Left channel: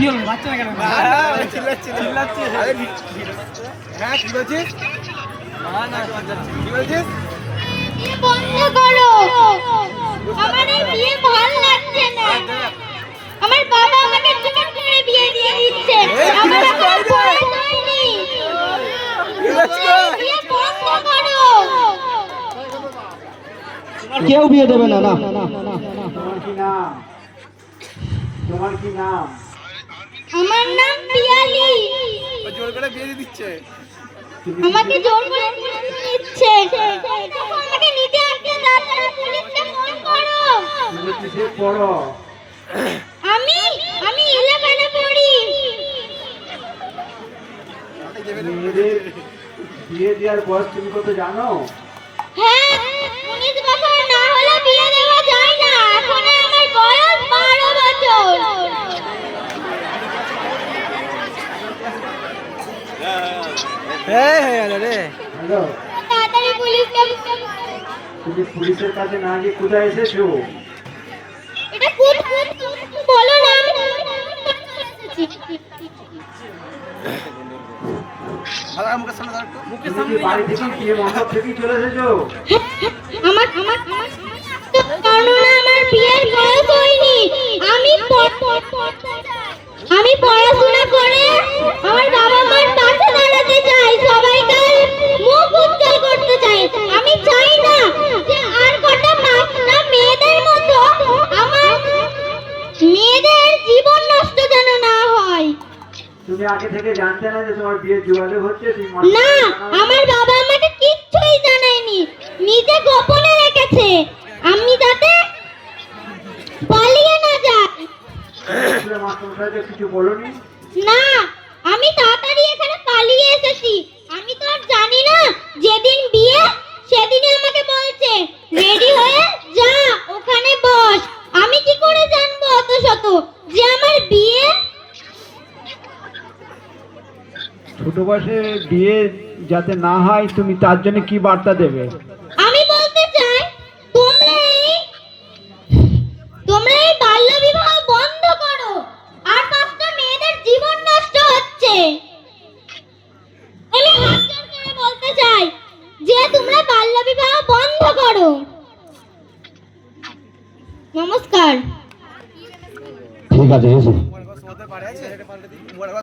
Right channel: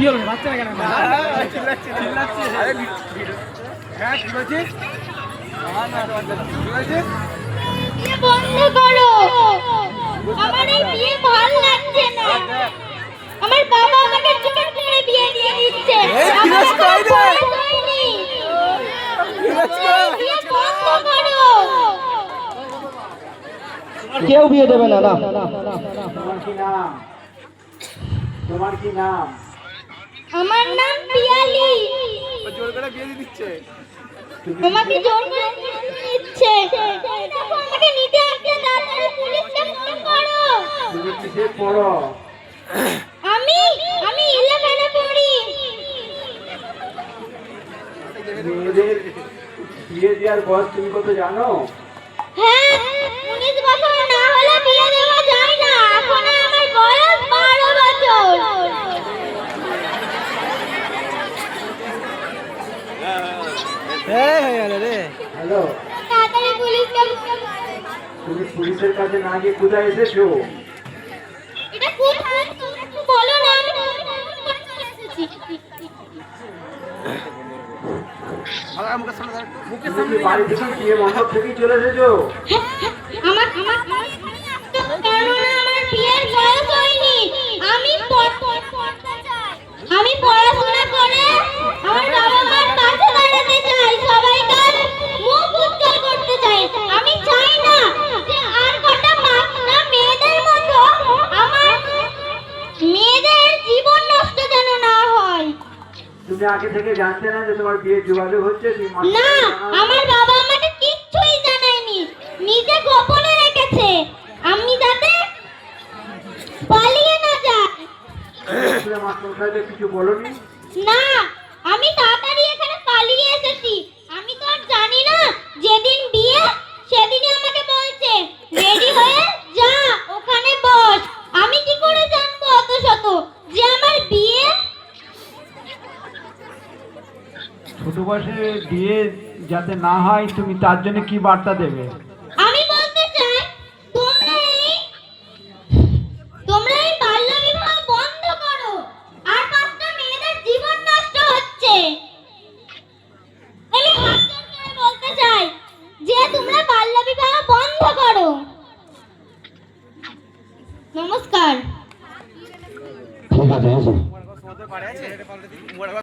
কি হলো বাচ্চা না কেন? চিল্লাচ্ছে। হ্যাঁ ঠিক আছে। ঠিক আছে। বিয়ে বন্ধ করো। আমার এই বিয়ে ভালো লাগছে না। আমার বাবা আমাকে জোর করে বিয়ে দিয়ে দিচ্ছে। এই ফিরোজ কই রে? ফিরোজ কই? বিয়ে বন্ধ করো। কেউ বিয়ে দেবে না না। তোমার কি নাম? আমার নাম পিয়ালি। জোর করে বিয়ে দিয়ে দিচ্ছে। আমাকে জোর করে বিয়ে দিয়ে দিচ্ছে। দেখো আমাকে নিতে আসছে, তাড়াতাড়ি পুলিশকে ফোন করো। তুমি কিসে পড়ো? আমি 11 এ পড়ি। মেয়েদের বিয়ে দেওয়ার বয়স তুমি কত জানো? হ্যাঁ, 19 বছর না হলে বিয়ে দেওয়া যায় না। এখন আমার বয়স 12 বছর। রে হ্যালো, তাড়াতাড়ি পুলিশকে ফোন করো। তুমি পুলিশের কাছে না গিয়ে কোথায় এসেছো? এটা কোথায়? তুমি একটু বলো না, আমি কোথায় চলে এসেছি। মুখের সামনে ধর। মুখের তুমি কি বাড়ি থেকে বিয়ে মণ্ডপ থেকেই চলে এসেছো? আমার কারণ আমার বিয়ের বয়স হয়নি। আমি পড়তে চাই। আমি পড়াশোনা করে আমার বাবা মার পাশে দাঁড়াতে চাই। সবাইকার মুখ উজ্জ্বল করতে চাই। আমি চাই না যে আর কটা না মেয়েদের মতো আমার মেয়েদের জীবন নষ্ট যেন না হয়। তুমি আগে থেকে জানতে না যে তোমার বিয়ে যোগাযোগ হচ্ছে? না, আমার বাবা আমাকে কিচ্ছুই জানায়নি। নিজে গোপনে রেখেছে। আমি যাতে পালিয়ে না যাই। মাস্টারমশাইকে কিছু বলোনি? না, আমি তাড়াতাড়ি এখানে পালিয়ে এসেছি। আমি তো আর জানি না যেদিন বিয়ে সেদিনই আমাকে বলছে রেডি হয়ে যা, ওখানে বস। আমি কি করে জানবো অত শত যে আমার বিয়ে? ছোট বয়সে বিয়ে যাতে না হয় তুমি তার জন্য কি বার্তা দেবে? আমি বলতে চাই তোমরা এই বাল্য বিবাহ বন্ধ করো। আর 5টা মেয়েদের জীবন নষ্ট হচ্ছে। আমি হাত জোড় করে বলতে চাই যে তোমরা বাল্য বিবাহ বন্ধ করো। নমস্কার। ঠিক আছে, এসো। পারে আছে।